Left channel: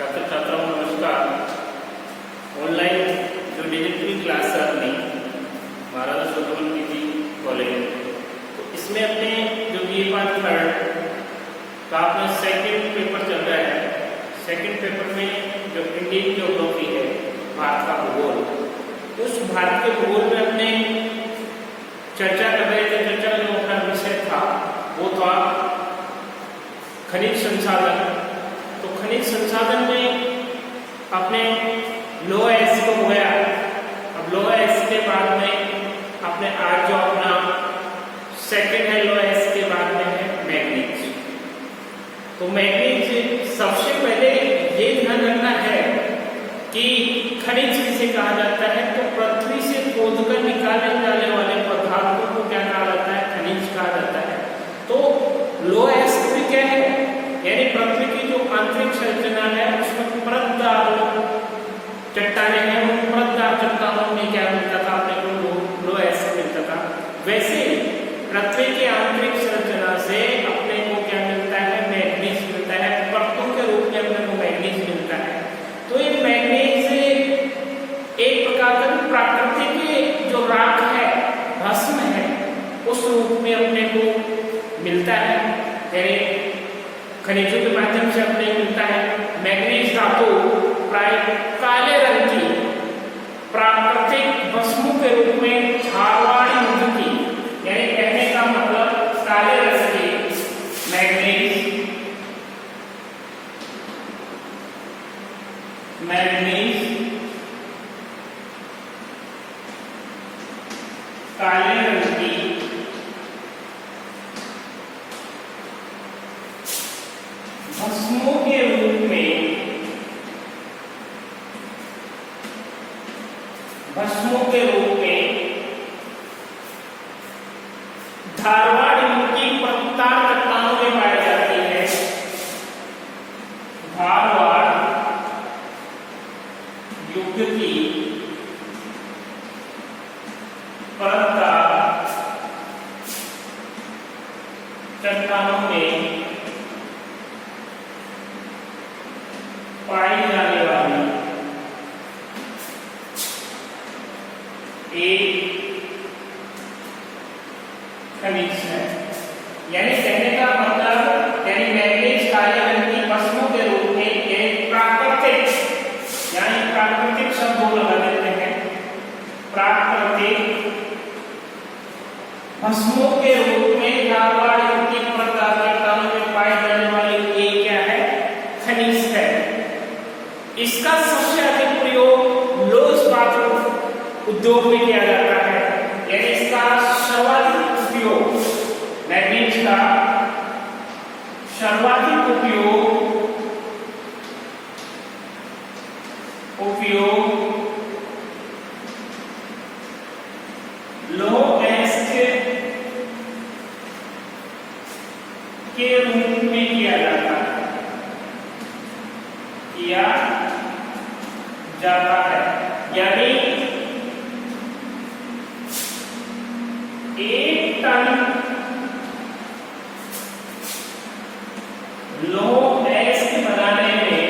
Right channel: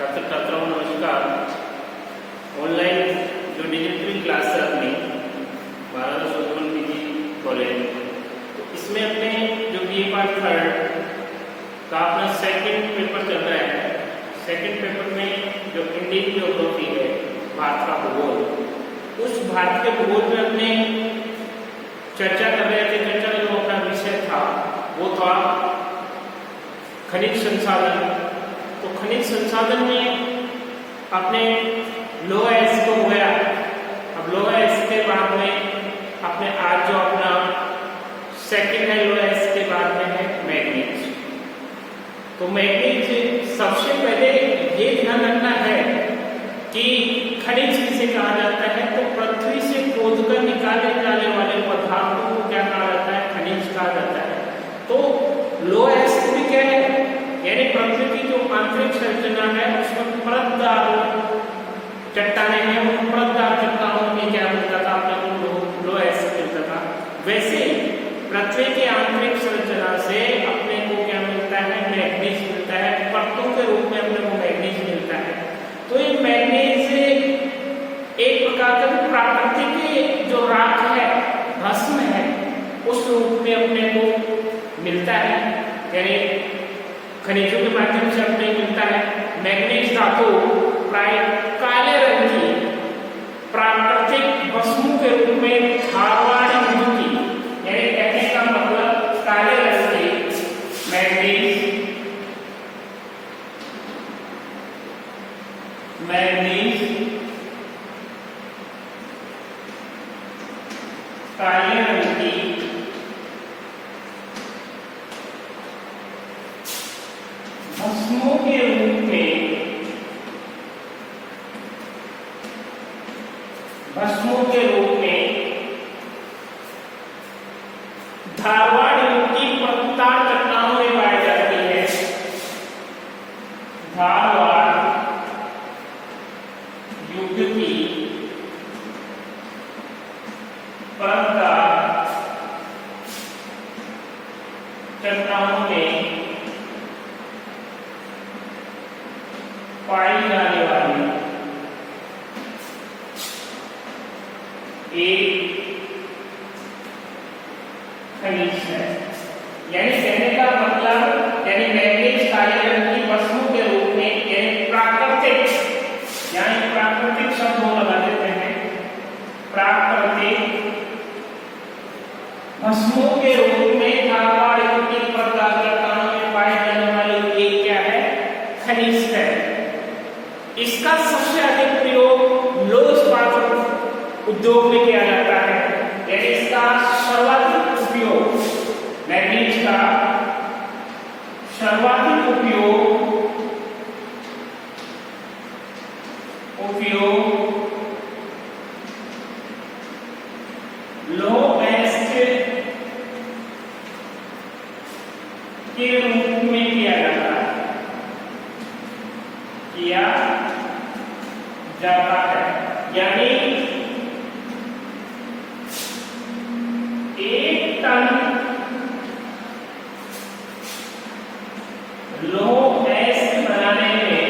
छात्र छात्राओं नमस्कार। ऑनलाइन जो डिजिटल क्लास है अपनी महाराजा सूरजमल पीजी कॉलेज, तो इसमें अपने जो बीए पार्ट थर्ड का अपना सेकंड पेपर चल रहा है। सेकंड पेपर में जो इंडियन ज्योग्राफी है, भारत का भूगोल, उस भारत के भूगोल में अपने चर्चा कर रहे थे। चर्चा जो अपना विषय था वो था खनिज संसाधन। तो खनिज संसाधन में अपने लोहा एस को गया। अब लोहा एस के बाद में अपने आज जो अपना सेकंड है लोहा एस के बाद में है मैग्नीज। तो मैग्नीज सबसे पहले ये ध्यान रखना है कि खनिज किसे कहा जाता है। तो पृथ्वी से खोदकर निकाले जाने वाले पदार्थों को क्या कहा जाता है? खनिज कहा जाता है। तो लोहा एस भी क्या है? यानी पृथ्वी की जो आंतरिक संरचना है उसमें परतदार चट्टानें हैं, उन परतदार चट्टानों में क्या मिलता था? अपने को लोहा एस मिलता था। वैसे पृथ्वी की आंतरिक संरचना से अपने को क्या मिलता है? मैग्नीज मिलता है। परतों के रूप में अपने को मैग्नीज मिलता है। तो ये मैग्नीज एक प्रकार का प्राकृतिक जो राख है, भस्म है, उस रूप में अपने को मिलता है। यानी खनिजों के माध्यम से अपने मिलता है। मैग्नीज धातु प्राय काले रंग की प्राकृतिक भस्मों के रूप में धारवाड़ी युग की, यानी कहने का मतलब काले रंग की मैग्नीज काले रंग की भस्मों के रूप में धारवाड़ युग की परतदार चट्टानों में पाई जाती है। धारवाड़ युग की परतदार चट्टानों में पाई जाने वाली एक खनिज है। यानी कहने का मतलब, यानी मैग्नीज काले रंग की भस्मों के रूप में, प्राकृतिक शब्द लगा देते हैं। प्राकृतिक भस्मों के रूप में धारवाड़ युग के परतदार चट्टानों में पाई जाने वाली एक क्या है? खनिज है। इसका सबसे अधिक प्रयोग लौह इस्पात उद्योग में किया जाता है। यानी इसका सर्वाधिक उपयोग, मैग्नीज का सर्वाधिक उपयोग लौह एस के रूप में किया जाता है। यानी 1 टन लौह एस बनाने में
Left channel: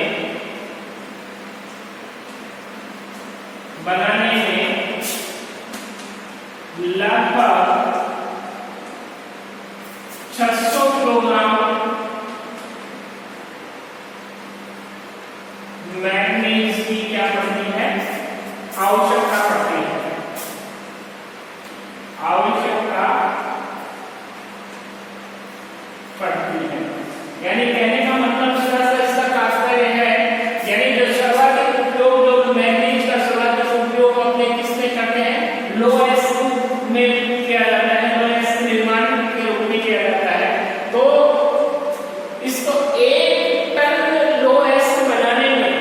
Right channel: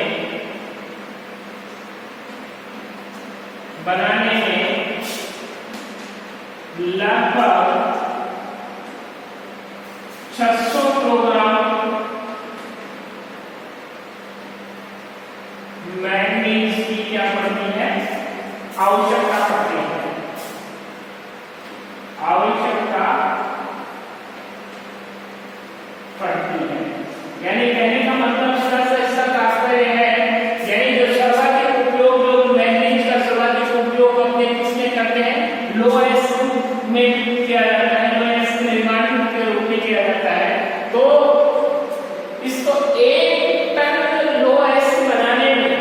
लगभग 600 किलोग्राम मैग्नीज की क्या पड़ती है? आवश्यकता पड़ती है। यानी कहने का मतलब इसका तात्पर्य है, यानी जो सर्वाधिक उपयोग, जो मैग्नीज का सर्वाधिक उपयोग अपने किसमें करते हैं? लोहा एस में किया जाता है। लोहा एस के निर्माण के रूप में किया जाता है। तो इसको 1 टन लोहा एस बनाने में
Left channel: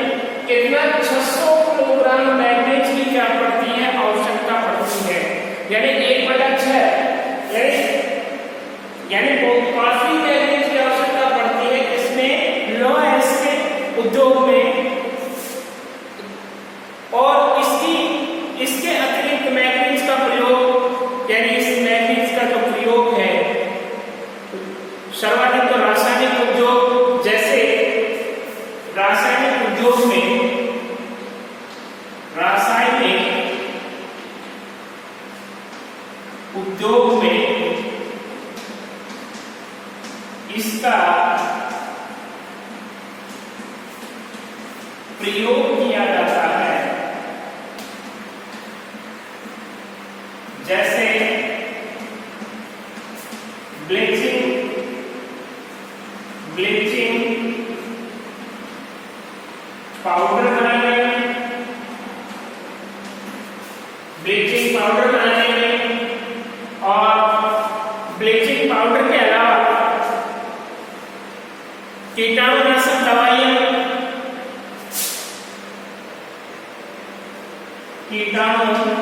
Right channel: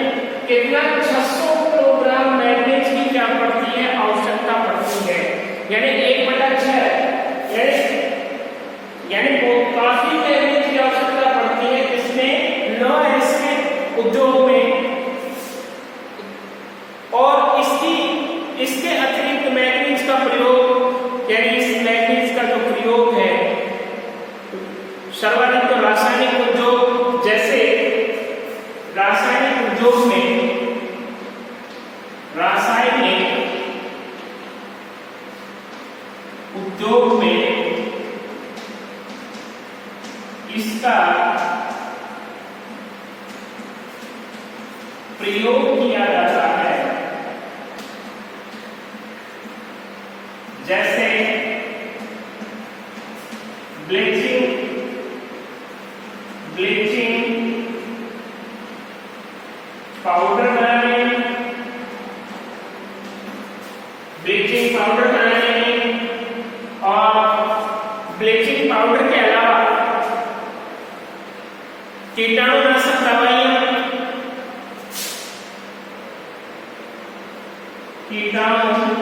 कितना? 600 किलोग्राम मैग्नीज की क्या पड़ती है? आवश्यकता पड़ती है। यानी 1/6, यानी काफी मैग्नीज की आवश्यकता पड़ती है। इसमें लोहा एस के उद्योग में, और इसके अतिरिक्त मैग्नीज का प्रयोग, यानी इस मैग्नीज का जो प्रयोग है सर्वाधिक तो रासायनिक उद्योग, जैसे रासायनिक उद्योग में इसका प्रयोग किया जाता है। जैसे ब्लीचिंग पाउडर बनाने में, ब्लीचिंग पाउडर बनाने में, और ब्लीचिंग पाउडर के अलावा कीटाणुनाशक दवाइयां, कीटाणुनाशक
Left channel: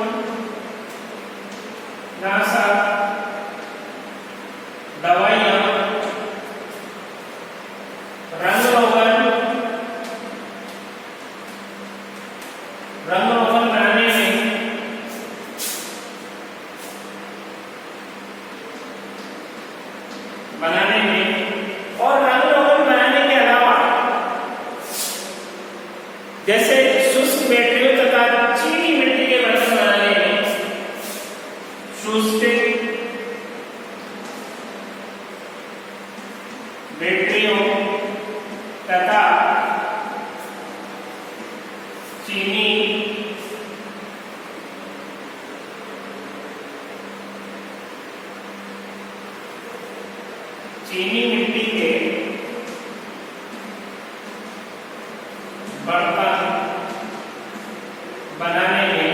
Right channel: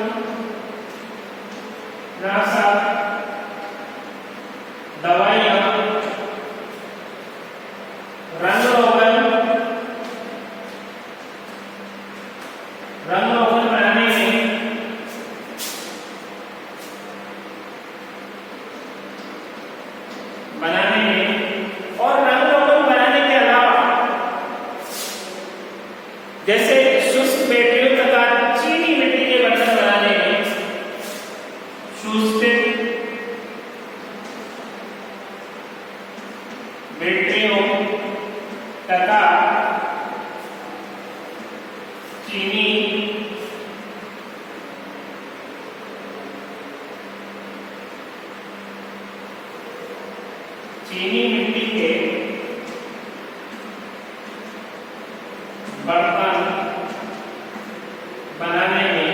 दवाइयां, रंग रोगन बनाने में, और रंग रोगन बनाने के अलावा जैसे शुष्क बैटरियों तथा चीनी मिट्टी के बर्तन बनाने में, शुष्क बैटरियों तथा चीनी मिट्टी के बर्तन बनाने में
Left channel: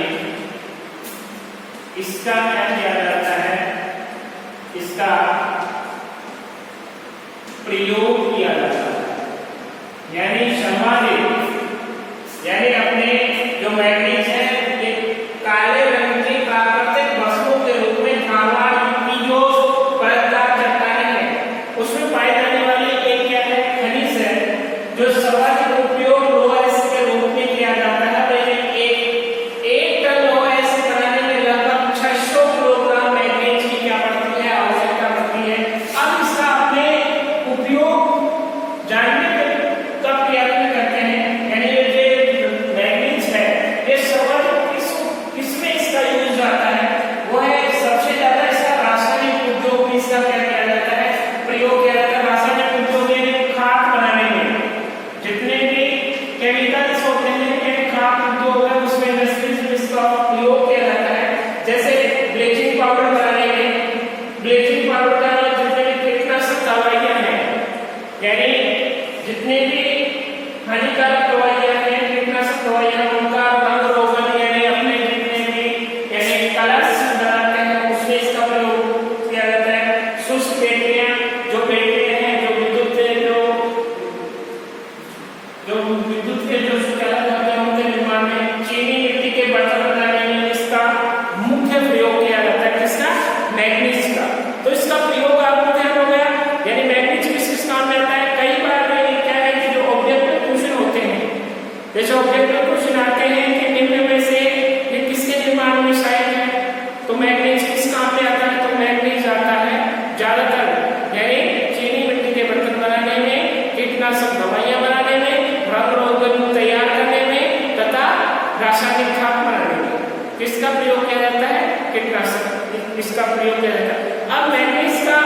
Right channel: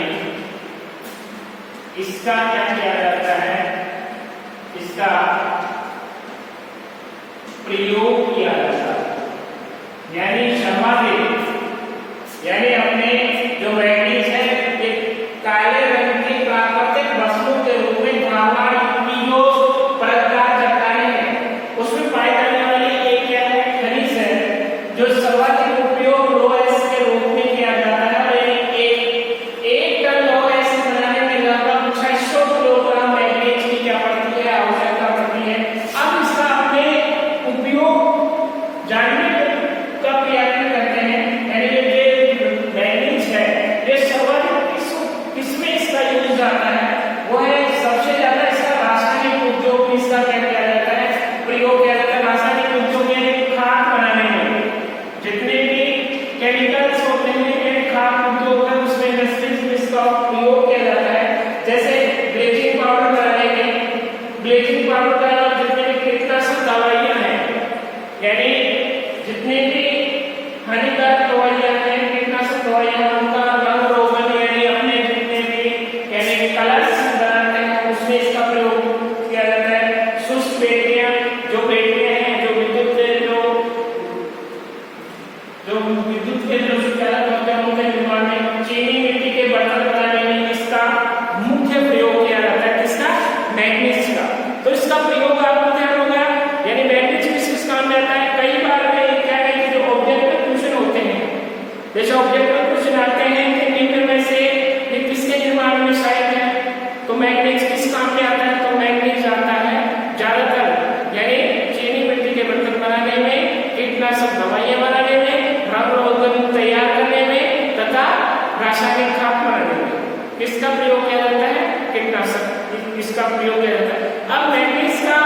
इसका क्या किया जाता है, इसका प्रयोग किया जाता है। यानी सर्वाधिक, यानी अपने जो मैग्नीज है ये काले रंग की प्राकृतिक वस्तु के रूप में धारवाड़ की जो परतदार चट्टानें हैं उसमें पाई जाने वाली एक क्या है, खनिज है जो सर्वाधिक उपयोग लोहा एसिड के रूप में किया जाता है। एक टन लोहा एसिड बनाने में लगभग 600 किलोग्राम मैग्नीज की क्या पड़ती है, आवश्यकता पड़ती है। अब इसका अपने उपयोग जानने का प्रयत्न करते हैं। यानी ये मैग्नीज है ये सर्वाधिक किसमें इसका यूज जाता है, वो है सबसे ज्यादा इसका रासायनिक उद्योग में इसका क्या किया जाता है, प्रयोग किया जाता है। रासायनिक उद्योग में खाद बनाने में जितने भी केमिकल्स होते हैं, यानी खाद उद्योग है उसमें इंडस्ट्रीज में इसका प्रयोग किया जाता है। जैसे ब्लीचिंग पाउडर बनाने में, ब्लीचिंग पाउडर का जितने भी कीटनाशक दवाइयां हैं, यानी जितने भी हानिकारक दवाइयां हैं, कीटनाशक दवाइयां, उनका रंग रोगन यानी अपने जितने भी यानी कलर्स बनाते हैं उसमें इसका प्रयोग किया जाता है। शुष्क बैटरियां हैं जो विद्युत के जो सुचालक होते हैं उनके निर्माण में, चीनी मिट्टी के बर्तन बनाने में इसका मुख्य प्रयोग किया जाता है। किसका, मैग्नीज का। तो इसका प्रयोग आपको ध्यान हो गया। यानी मैग्नीज किस किस काम में आता है। कई बार क्या है कि जो ऑब्जेक्टिव क्वेश्चन होते हैं, जैसे ऑब्जेक्टिव क्वेश्चन आते हैं कि निम्न में से ये किसके निर्माण में सहायक है, तो मैग्नीज किस काम में आता है, तो मैग्नीज आता है ज्यादातर यानी चीनी मिट्टी के बर्तन बनाने में, कीटनाशक दवाइयां बनाने में, रंग रोगन तैयार करने में तथा रासायनिक खाद बनाने में किसका प्रयोग किया जाता है, कीटनाशक, इसका प्रयोग किया जाता है। अब मैग्नीज का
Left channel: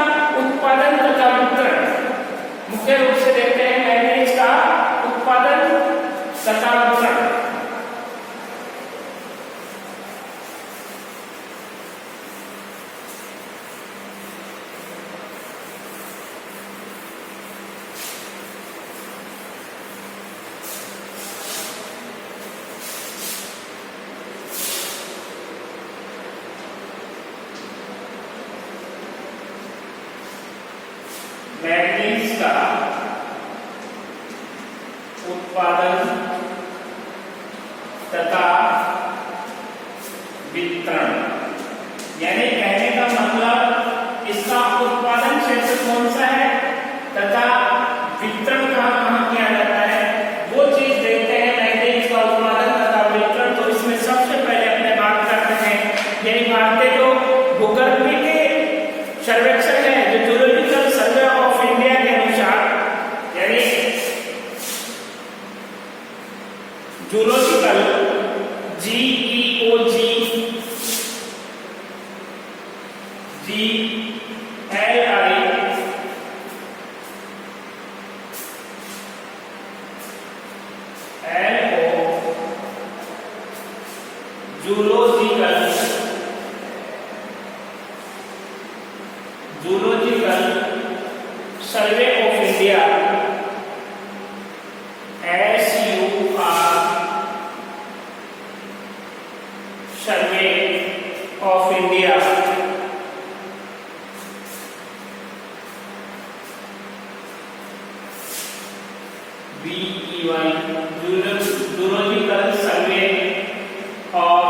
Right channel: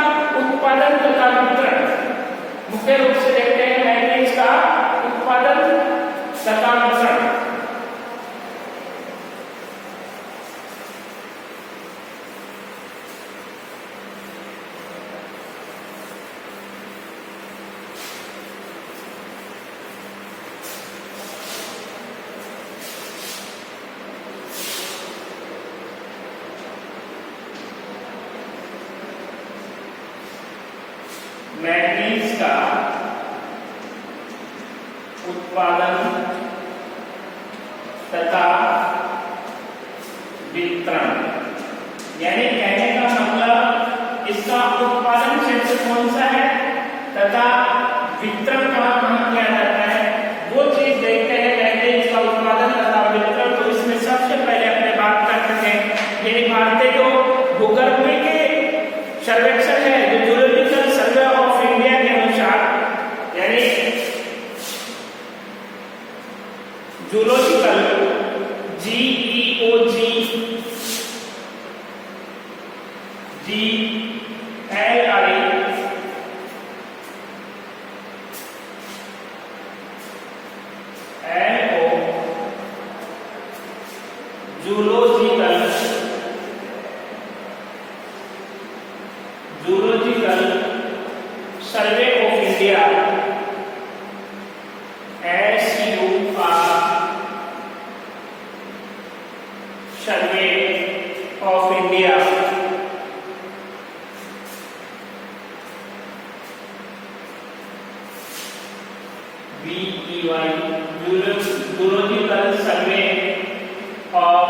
उत्पादन तथा वितरण मुख्य रूप से देखते हैं। मैग्नीज का उत्पादन तथा वितरण, मैग्नीज का उत्पादन तथा वितरण, यानी कहने का मतलब इसका उत्पादन क्षेत्र कौन सा है तथा वितरण कहां किया जाता है, वो चीज देखते हैं। मैग्नीज का उत्पादन तथा वितरण, तो इसमें सबसे पहले अपने बात करते हैं यानी भारतीय जो भूगर्भ के सर्वेक्षण है, जो ज्योलॉजिकल सर्वे ऑफ इंडिया के अनुसार, यानी zoological GEOG zoological survey of India SUR survey of India BEY zoological survey of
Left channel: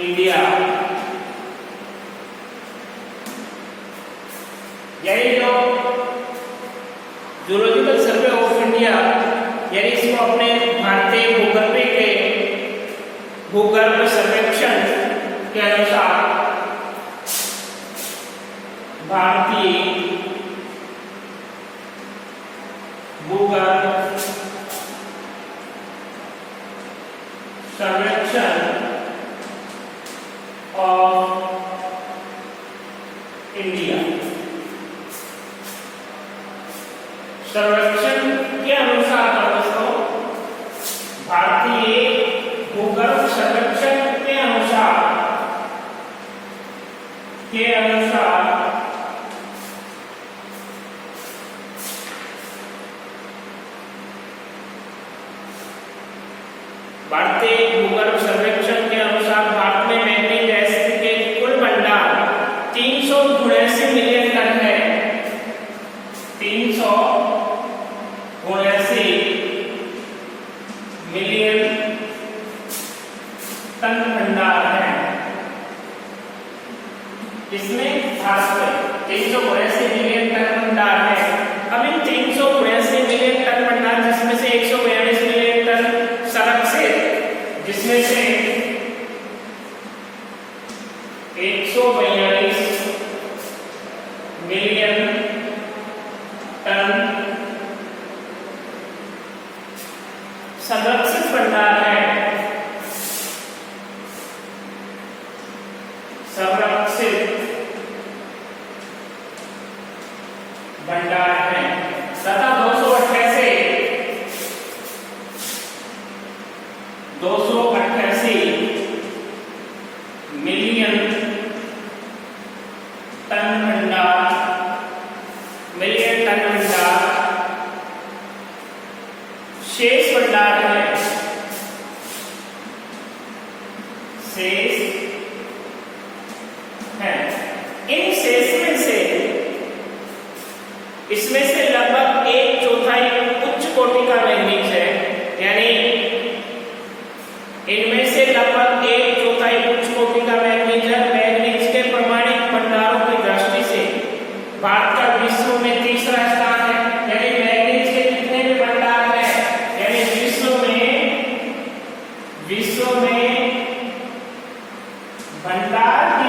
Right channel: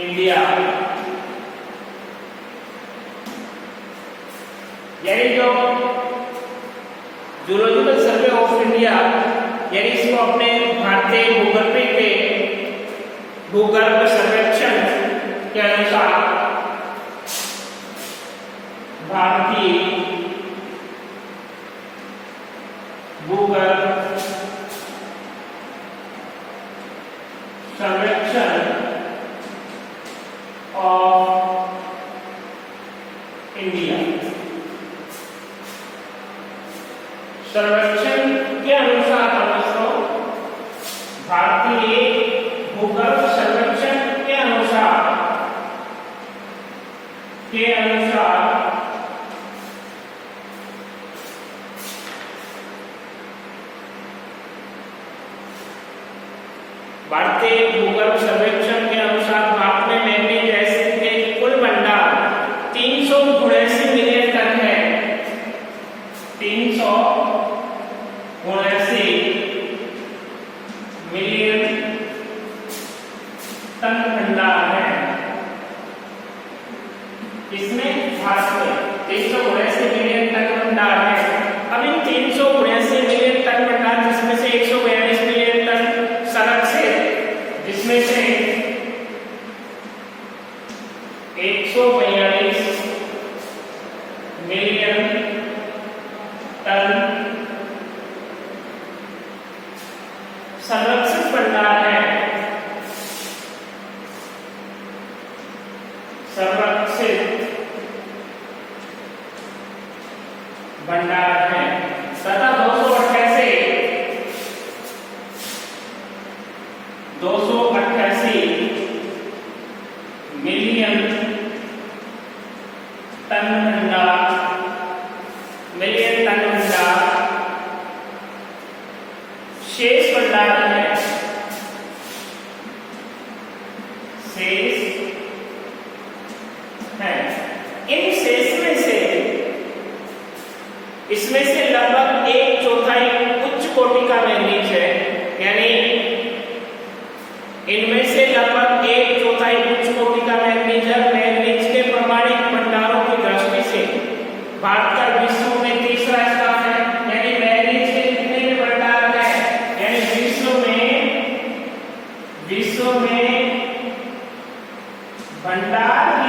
India. यानी जो जूलॉजिकल सर्वे ऑफ इंडिया यानी इसको अपने भारतीय भूगर्भ के भूगर्भ सर्वेक्षण के अनुसार भारतीय भूगर्भ सर्वेक्षण ऑफ इंडिया सर्वेक्षण के अनुसार भारतीय भूगर्भ सर्वेक्षण के अनुसार भारतीय भूगर्भ सर्वेक्षण के अनुसार भारत में मैंगनीज एसिड के कुल भंडार 379 मिलियन टन है। 379 मिलियन टन भंडार है। इसमें भारत में 379 मिलियन टन भंडार है। अब इन 379 मिलियन टन भंडार जिसमें से 142 मिलियन टन संरक्षित, जिसमें से 142 मिलियन टन संरक्षित भंडार है। संरक्षित भंडार है तथा 288 मिलियन टन भंडार शेष भंडार है। शेष है। इन शेष में से इसमें से लगभग 1/4 उच्च कोटि का मैंगनीज है। यानी इनमें से लगभग 1/4 उच्च कोटि का मैंगनीज है। मैंगनीज के प्रमाणित भंडारों की दृष्टि से भारत का विश्व में तीसरा स्थान है। यानी मैंगनीज के कितने में भंडार है, यानी विश्व में भंडार की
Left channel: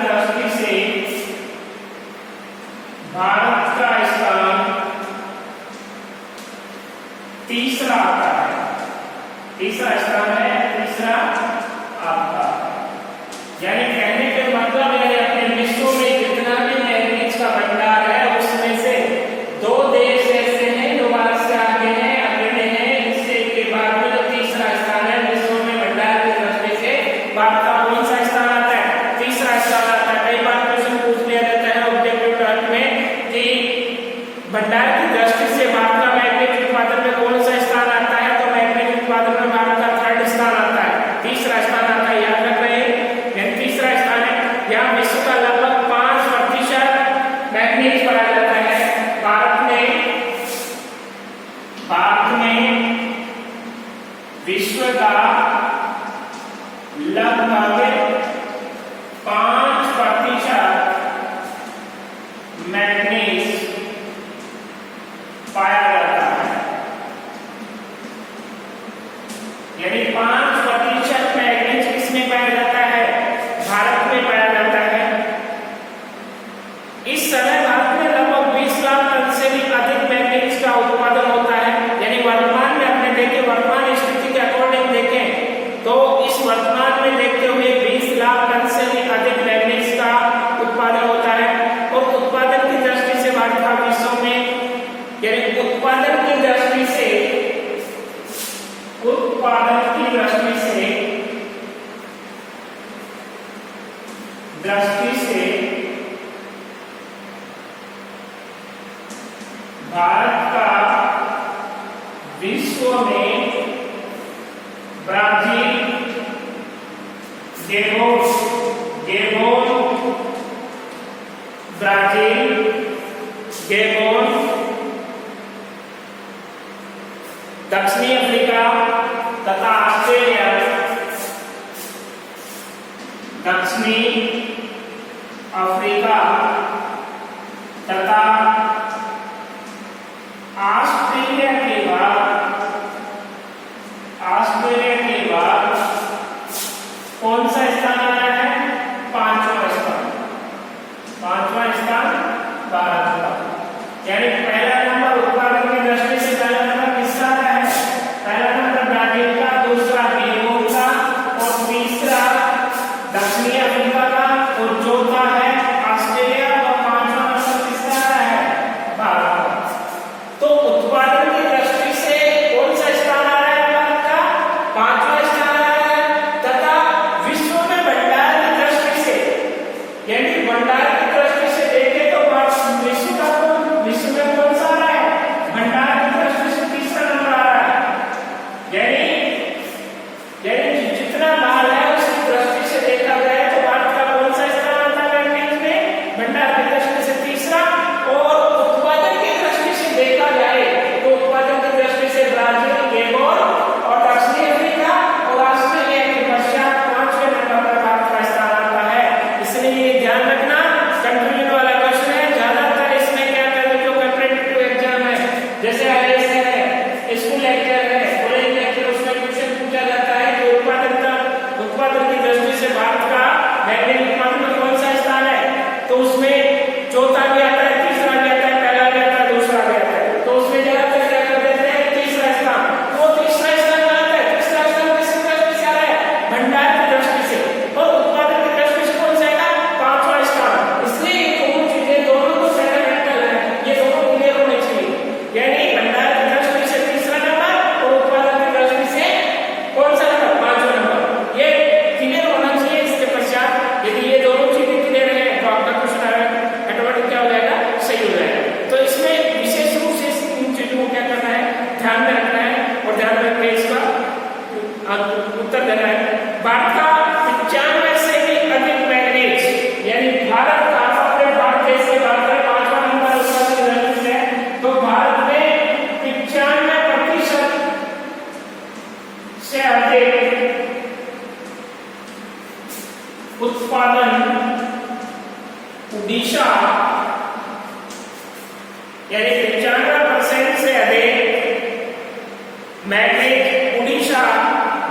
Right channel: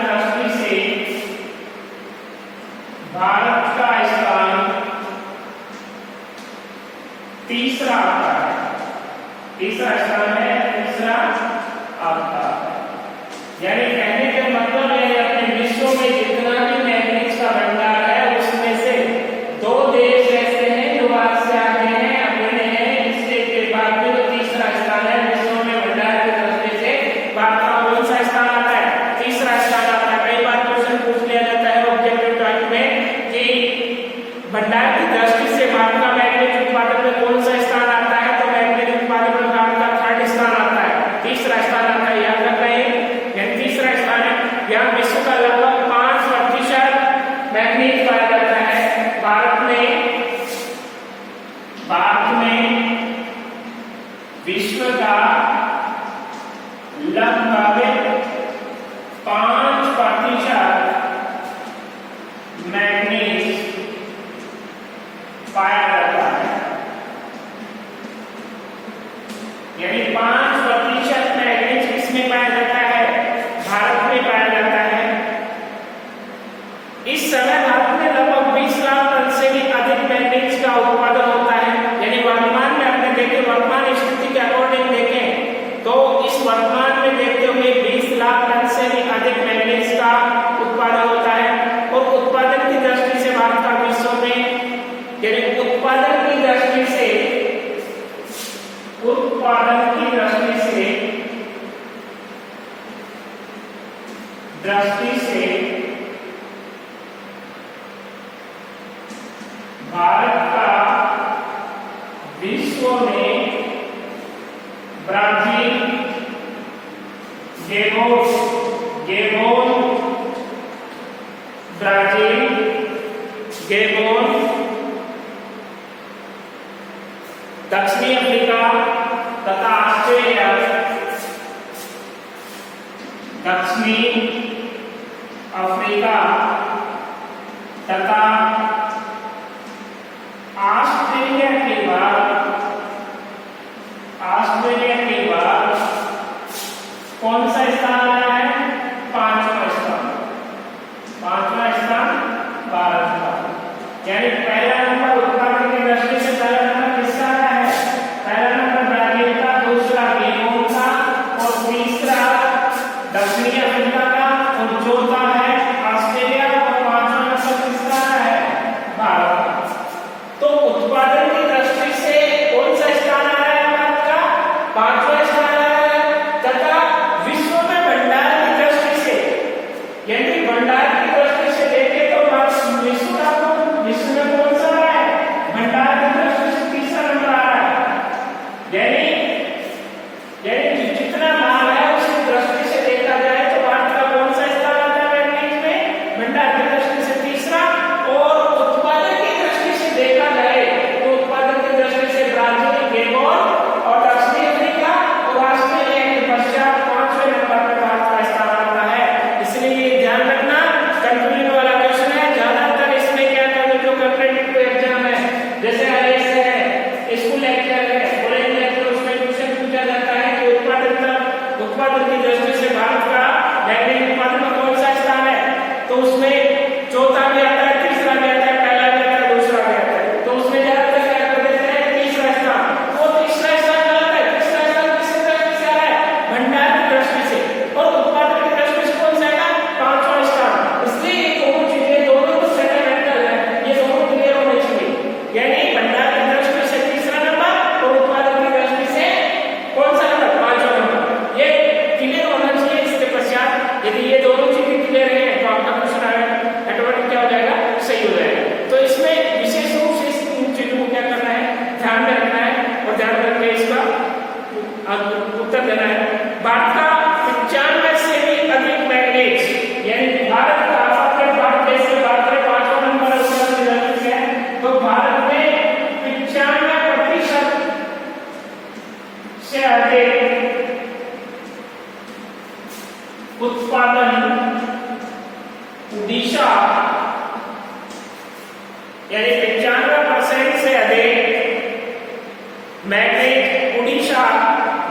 दृष्टि से भारत का स्थान तीसरा आता है। तीसरा स्थान है, तीसरा आता है। यानी कहने का मतलब यानी अपने विश्व में जितना भी मैंगनीज का भंडार है उसमें से 2 देश ऐसे हैं जो भारत से आगे हैं, अग्रणी हैं। इससे के बाद में जो तीसरा स्थान है विश्व में भंडार की दृष्टि से भारत का कौन सा स्थान आता है? तीसरा स्थान आता है। कई बार क्वेश्चन पूछ लिया जाता है ऑब्जेक्टिव टर्म में कि भंडार की दृष्टि से भारत का मैंगनीज उत्पादन में कौन सा स्थान आता है, तो मैंगनीज उत्पादन में भारत का 3rd स्थान आता है, तीसरा स्थान आता है। याद रख रहे हैं, यानी तीसरा स्थान है। यहाँ विश्व का लगभग 5% मैंगनीज पाया जाता है। भारत में विश्व का लगभग 5% मैंगनीज पाया जाता है। यानी 5% मैंगनीज किसमें पाया जाता है? भारत में पाया जाता है। इस समय भारत में लगभग 20 लाख टन से भी अधिक मैंगनीज वर्तमान स्थिति के अकॉर्डिंग देखें तो इस वर्तमान में देखते हुए 20 लाख टन से भी अधिक मैग्नीज का उत्पादन होता है। और उत्पादन की दृष्टि से भारत का विश्व में, यानी उत्पादन की दृष्टि से भारत का विश्व में ब्राजील, गेबोन, दक्षिणी अफ्रीका तथा ऑस्ट्रेलिया, दक्षिणी अफ्रीका तथा ऑस्ट्रेलिया के बाद कौन सा स्थान आया है? पांचवा स्थान भारत का। यानी पहला नंबर उत्पादन की दृष्टि से पहला नंबर किसका है? पहला नंबर ब्राजील का, दूसरा गेबोन का और तीसरा दक्षिणी अफ्रीका का और चौथा है ऑस्ट्रेलिया और पांचवा नंबर किसका है? भारत का। तो उत्पादन की दृष्टि से कौन सा स्थान आ रहा है भारत का? पांचवा स्थान आ रहा है। तथा विश्व में भंडार की दृष्टि से, यानी भंडार की दृष्टि से देखें तो विश्व में कौन सा आ रहा है? भंडार की दृष्टि से तीसरा नंबर आ रहा है। यानी जितना माल है उसकी दृष्टि से देखा जाए तो भारत का कौन सा स्थान आता है मैग्नीज में? भंडार की दृष्टि से तीसरा। और उत्पादन की दृष्टि से देखा जाए तो उत्पादन की दृष्टि से ब्राजील, गेबोन और दक्षिणी अफ्रीका और ऑस्ट्रेलिया के पश्चात 5वें नंबर पर भारत का स्थान आता है। इसलिए ये ध्यान रखना, कंफ्यूजन वाला क्वेश्चन है। ज्यादातर इसमें क्या करते हैं, जो कॉम्पिटिटिव एग्जाम है, जैसे आईएएस है, स्कूल लेक्चर है, कॉलेज लेक्चर, उसमें क्वेश्चन पूछा जाता है कि उत्पादन की दृष्टि से भारत का मैग्नीज उत्पादन में कौन सा स्थान है? तो उसमें चौथा भी आता है, तीसरा भी आता है, पहला भी आता है, दूसरा भी आता है। तो उसमें ज्यादातर क्या कर देते हैं? तीसरा स्थान। तो तीसरा स्थान गलत है। तीसरा स्थान किसकी दृष्टि से आ रहा है? भंडार की दृष्टि से। और उत्पादन की दृष्टि से कौन सा आएगा? पांचवा स्थान। इसलिए ये दोनों चीजें दोनों को फंडामेंटल है, ये दोनों क्लियर होने चाहिए। यानी भंडार की दृष्टि से तीसरा नंबर और उत्पादन की दृष्टि से कौन सा नंबर? पांचवा नंबर। ये क्लियर होना चाहिए। इसके पश्चात यदि ये दोनों चीजें क्लियर है तो आपका क्वेश्चन ऑटोमेटिक क्या हो जाएगा? सही हो जाएगा। तो इसमें विशेष रूप से इन चीजों को क्या करना है? ध्यान में रखना है और ध्यान में रखकर इसका उत्तर देना है। भारत का 95 से भी अधिक मैग्नीज, यानी भारत का, भारत देश की बात करें, 5वां नंबर उसका है, तो भारत में 95% से अधिक उत्पादन उड़ीसा, यानी 95% से अधिक मैग्नीज उड़ीसा,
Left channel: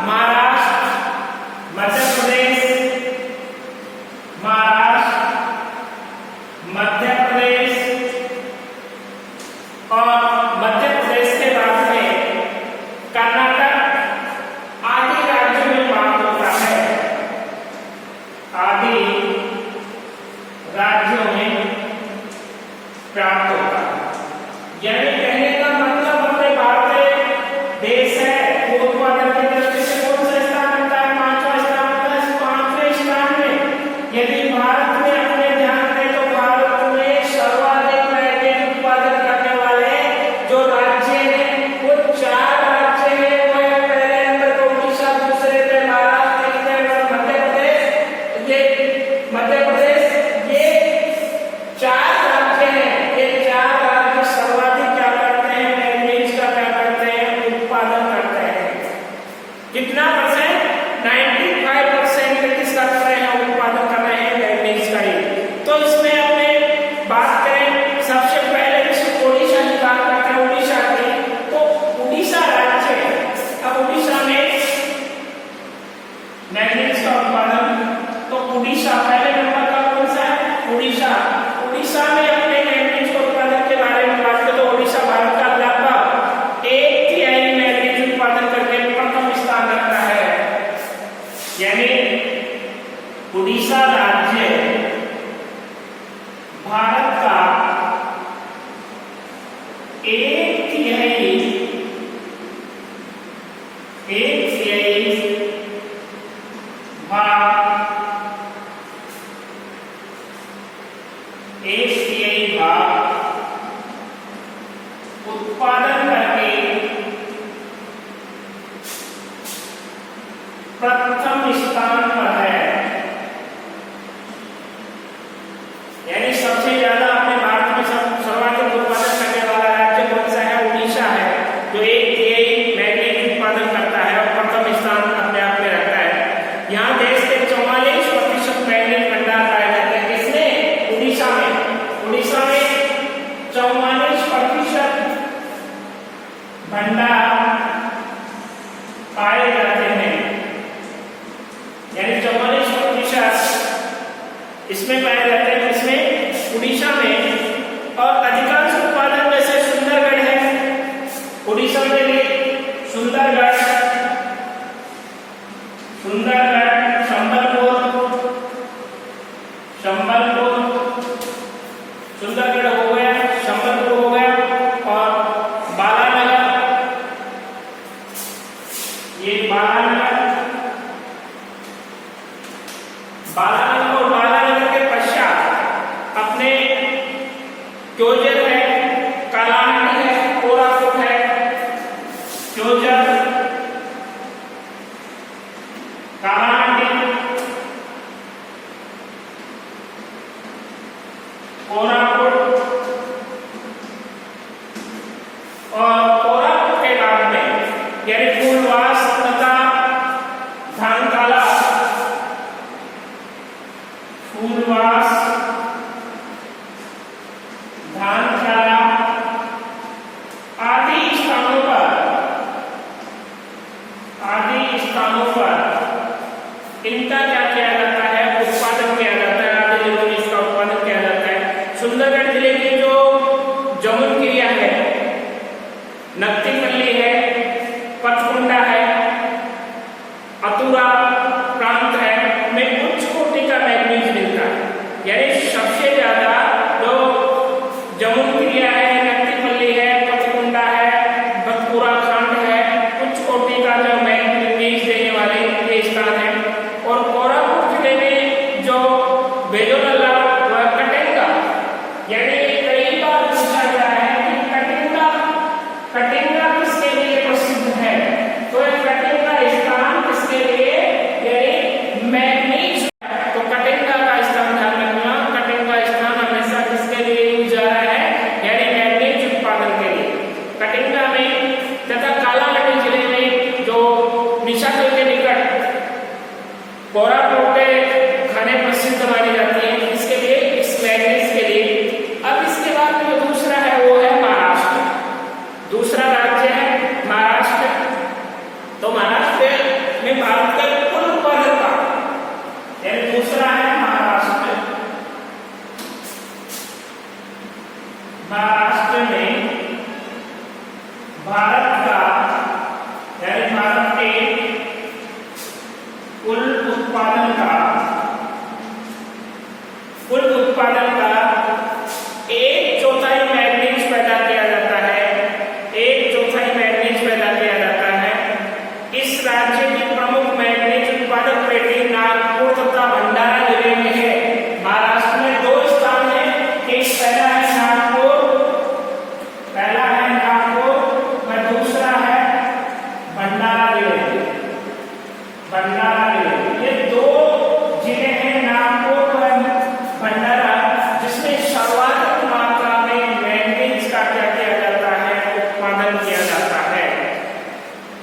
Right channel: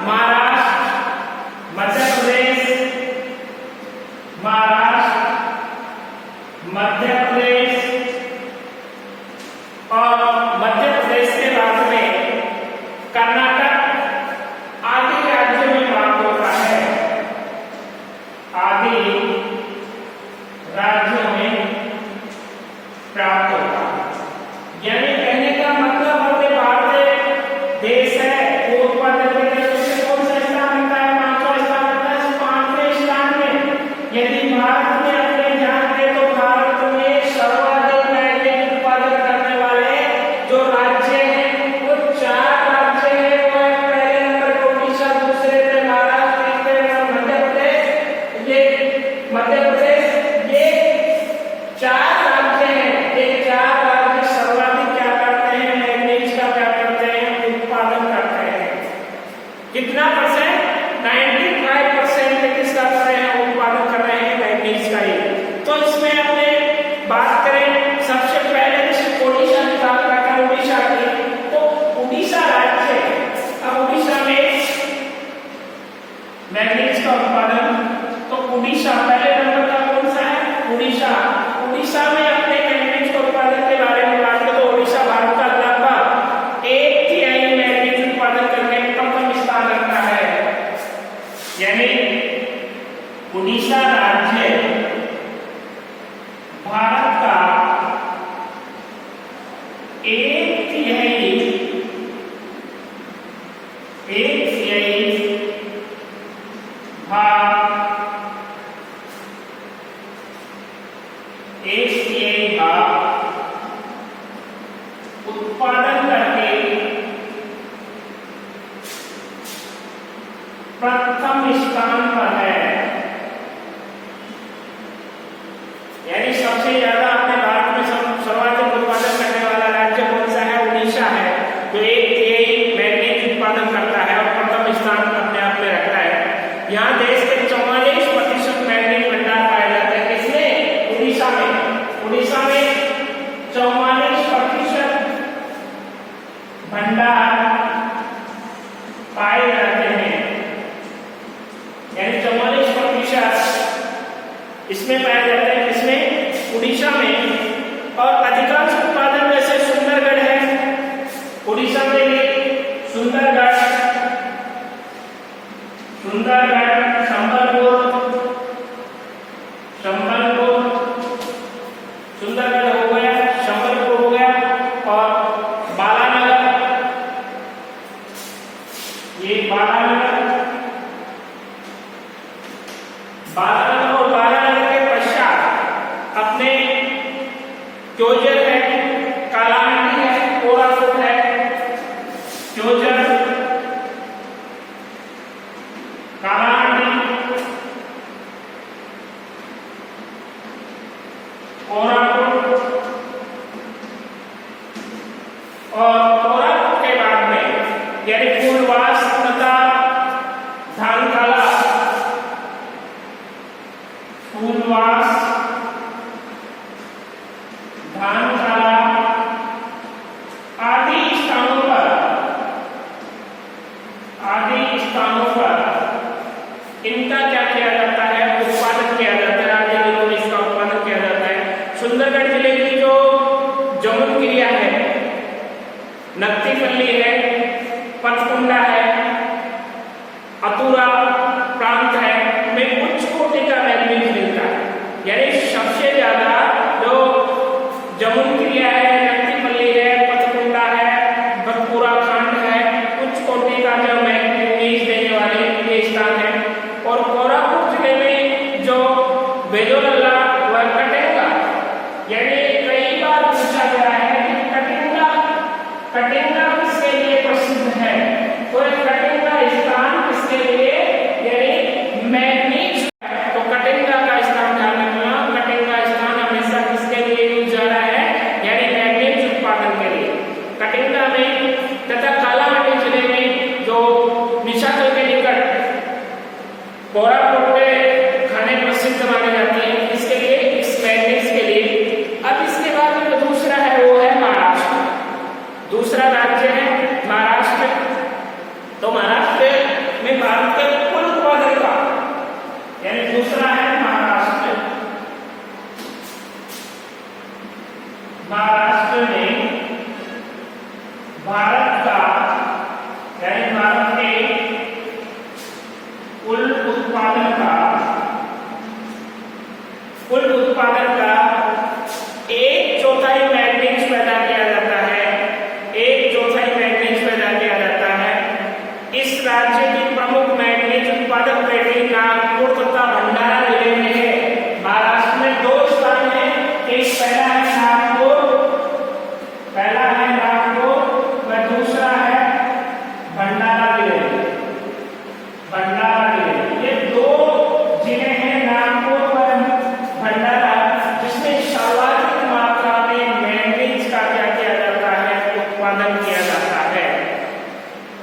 महाराष्ट्र, मध्य प्रदेश और मध्य प्रदेश के बाद में कर्नाटक आदि राज्यों में प्राप्त होता है। आदि राज्यों में प्राप्त होता है। यानी कहने का मतलब अपने भारत देश है, वो उत्पादन की दृष्टि से कौन सा स्थान बनता है? पांचवा स्थान बनता है। इस 5वें स्थान में यदि भारत में अपने ध्यान दें तो भारत में सर्वाधिक मैग्नीज उत्पादन करने वाले जो राज्य हैं वो 4 राज्य हैं। वो पहले नंबर पर उड़ीसा, दूसरे पे महाराष्ट्र, तीसरे पर मध्य प्रदेश। ये 4 राज्य हैं। ये 4 राज्य सर्वाधिक क्या करते हैं? मैग्नीज का क्या करते हैं? उत्पादन करते हैं। कितना परसेंट? 95% किसका कर रहे हैं? उत्पादन कर रहे हैं मैग्नीज का ही। तो इसमें अपने बात करें सबसे पहले जैसे उड़ीसा की बात करते हैं, उड़ीसा की, तो उड़ीसा राज्य, अब उड़ीसा में मैग्नीज का उत्पादन, तो उड़ीसा पहले नंबर का कौन सा है? उड़ीसा में अपने मैग्नीज के उत्पादन के बारे में बात करें तो उड़ीसा भारत का लगभग 1/3 मैग्नीज उत्पादन एक तिहाई भाग उत्पादन करके प्रथम स्थान पर है। यानी सबसे ज्यादा अपने भारत में सर्वाधिक उत्पादन करने वाला राज्य कौन सा है? उड़ीसा है, जो एक तिहाई मैग्नीज उत्पादन करता है और प्रथम स्थान अपने आप में रखता है। यहाँ देश के 44% मैग्नीज भंडार पाए जाते हैं। किसमें? उड़ीसा में। उड़ीसा में 44% भंडार पाए जाते हैं, यानी 44% इसमें पाए जाते हैं। किसमें? उड़ीसा में। और अधिकांश उत्पादन जैसे सुंदरगढ़ है, उड़ीसा में भी सुंदरगढ़, संबलपुर, सुंदरगढ़ हो गया, संबलपुर हो गया, और बालानगर, ये बालानगर और बालानगर के पश्चात अपने क्योंझर है, कालाहांडी है, कोरापुट है। क्योंझर, कालाहांडी, कोरापुट, और कोरापुट के बाद में यानी फूलवास तथा धानकाला, फूलवास, धानकाला आदि स्थानों पर इनका क्या किया जाता है? उत्पादन किया जाता है। आदि दिनों में इसका उत्पादन किया जाता है। सुंदरगढ़ जिले की जो जमुनक्रिया है, नक्तीपल्ली है, पथकुंडा है, अतुरा प्रांत है, में उच्च कोटि का मैग्नीज मिलता है। यानी सबसे ज्यादा जो जमुनक्रिया है, नक्तीपल्ली है, पथकुंडा है, बतपुरा खंड है, उच्च कोटि का जो मैग्नीज देने वाले ये स्थान है। और कोरापुट जिले में जो बेजोनल्ला व कटेंगा, यानी कई बार पूछा गया है कि कटेंगा किसके लिए प्रसिद्ध है? तो कटेंगा स्थान किसके लिए? यानी मैग्नीज। तो कटेंगा का स्थान ध्यान रखना, कटेंगा स्थान हमेशा किसके लिए यूज जा रहा है? यानी मैग्नीज उत्पादन के लिए। कटेंगा में तथा कालाहांडी जिले में जो निशाकल के निकट कोरापुट के खाने प्रसिद्ध मानी जाती है। इसके लिए, इस मैग्नीज के लिए। अब इसके बाद जो दूसरा है वो है महाराष्ट्र। दूसरा राज्य है महाराष्ट्र। तो महाराष्ट्र में भारत का कुल उत्पादन का, यानी दूसरा है महाराष्ट्र। महाराष्ट्र में भारत का, यानी भारत के कुल उत्पादन का 1/4 मैग्नीज पैदा किया जाता है। 1/4 मैग्नीज पैदा किया जाता है। इस राज्य की प्रमुख मैग्नीज उत्पादक पेटी नागपुर तथा भंडारा जिले में है। महाराष्ट्र में 2 स्थान है। एक पहला है नागपुर व दूसरा है भंडारा जिले। ये 2 जिले हैं, नागपुर व भंडारा, जिसमें सर्वाधिक मात्रा में मैग्नीज का क्या किया जाता है? उत्पादन किया जाता है।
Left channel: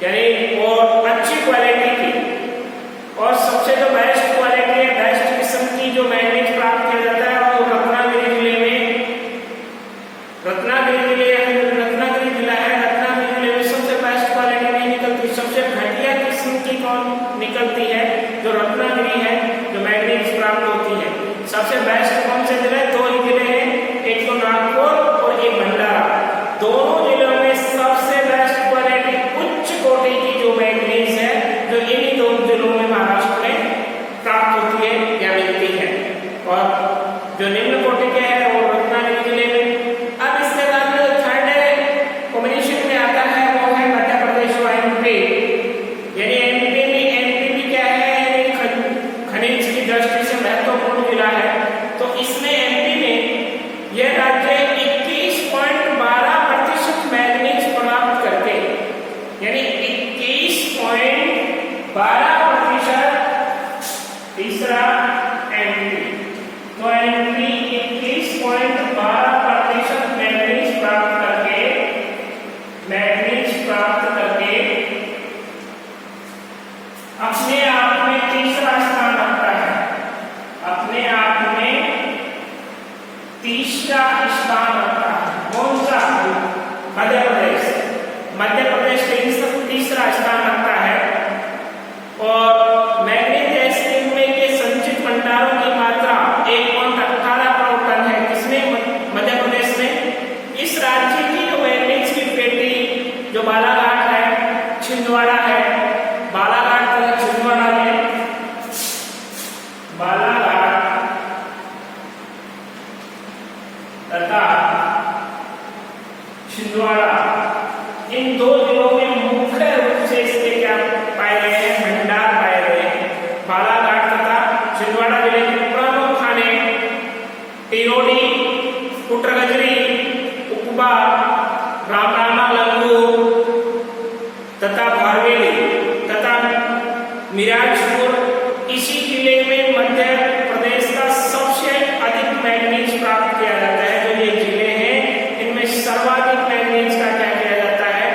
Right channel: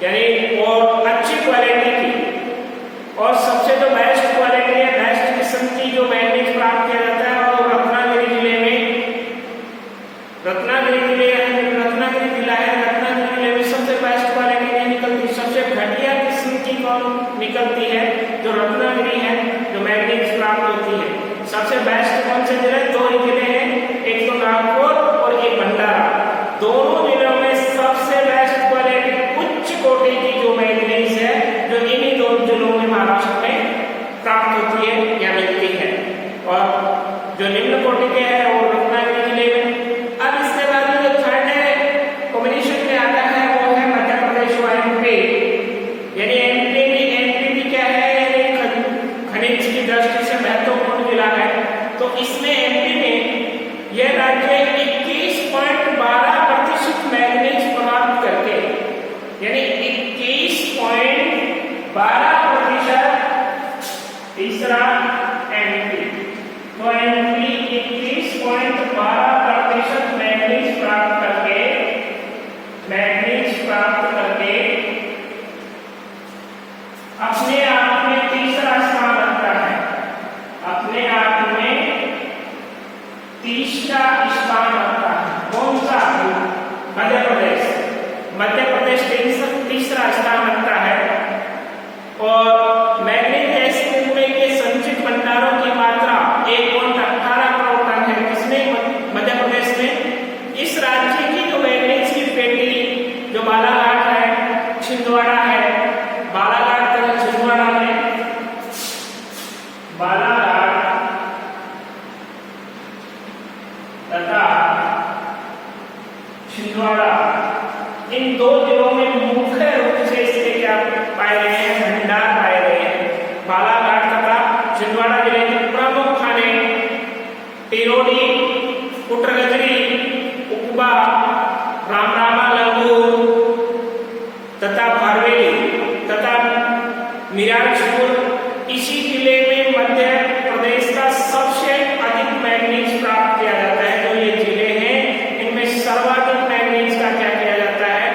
यानी और अच्छी क्वालिटी की, और सबसे जो बेस्ट क्वालिटी है, बेस्ट किस्म की जो मैग्नीज प्राप्त किया जाता है, और रत्नागिरी जिले में, रत्नागिरी जिला है, रत्नागिरी जिले में सबसे बेस्ट क्वालिटी नहीं निकलती, सबसे घटिया किस्म की कौन निकलती है? जो रत्नागिरी है, जो मैग्नीज प्राप्त होती है। सबसे बेस्ट कौन से जिले? 2 ही जिले हैं, एक तो नागपुर और एक भंडारा। दोनों जिलों में सबसे बेस्ट क्वालिटी, उच्च कोटि की जो मैग्नीज है, जो इन्हीं 2 जिलों में महाराष्ट्र में प्राप्त होती है या मिलती है। और जो निम्न कोटि के है वो रत्नागिरी जिले में। अब इसके बाद में जो थर्ड है यानी 21.12%। तीसरा एमपी, तो एमपी 21.12% मैग्नीज प्राप्त करके अपने आप में तीसरा स्थान रखता है, अपने आप में तीसरा स्थान रखता है। कौन सा? मध्य प्रदेश। मध्य प्रदेश तीसरा स्थान रखता है। और मैग्नीज गैस में के संचित भंडारों की मात्रा 1.18 करोड़ टन है। किसमें? मध्य प्रदेश में। इस राज्य की जो मैग्नीज की पेटी जो बालाघाट है, छिंदवाड़ा है, बालाघाट तथा छिंदवाड़ा में, बालाघाट तथा छिंदवाड़ा, इन दो जिलों में मुख्य रूप से इसके क्या पाए गए हैं? भंडार पाए गए हैं। बालाघाट तथा छिंदवाड़ा जिले के प्रमुख खाने टिरोडी, कुटरगजरी, उकबा, रामरामा लंगूर तथा भारवेली तथा मिराजपुर। इसी जिले में मध्य प्रदेश का सबसे अधिक मैग्नीज प्राप्त किया जाता है। जो ये जिले हैं इनमें सर्वाधिक मैग्नीज का क्या किया जाता है?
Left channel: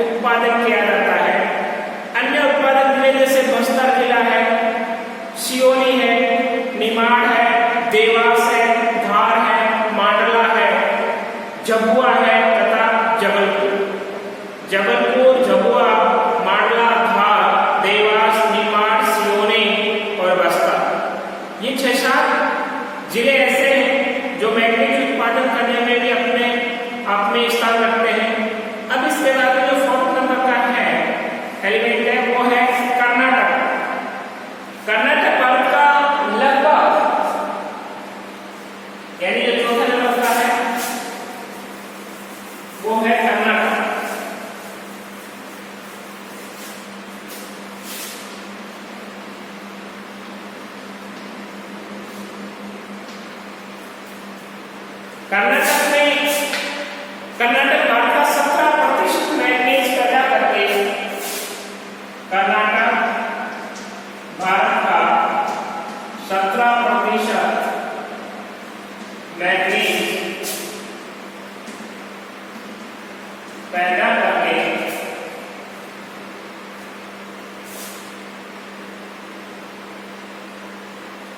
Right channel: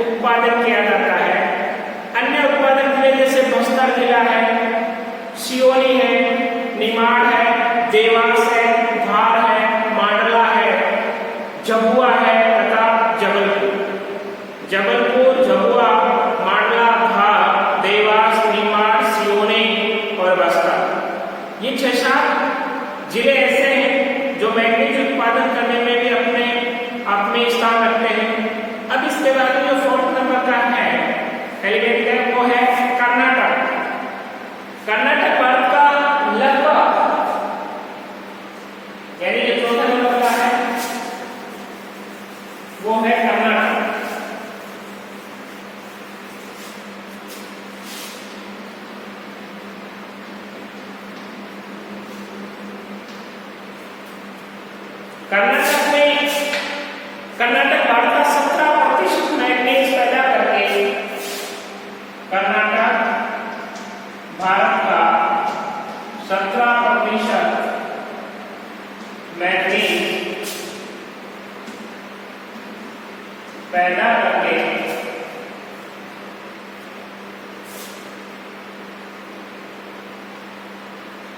उत्पादन किया जाता है। अन्य उत्पादक जिले जैसे बस्तर जिला है, सियोनी है, निमाड़ है, देवास है, धार है, मांडला है, झाबुआ है तथा जबलपुर। झाबुआ, मांडला, धार, देवास, निमाड़, सियोनी और बस्तर, ये 6-7 जिले ऐसे हैं जो मैग्नीज उत्पादन करने में भी अपने आप में स्थान रखते हैं। अब इसके बाद जो 4th नंबर का है एलिमेंट है वो है कर्नाटक। कर्नाटक भारत का लगभग, यानी जो 4th नंबर का है वो है कर्नाटक। कर्नाटक भारत का 17% मैग्नीज पैदा करके, कर्नाटक भारत का 17% मैग्नीज पैदा करके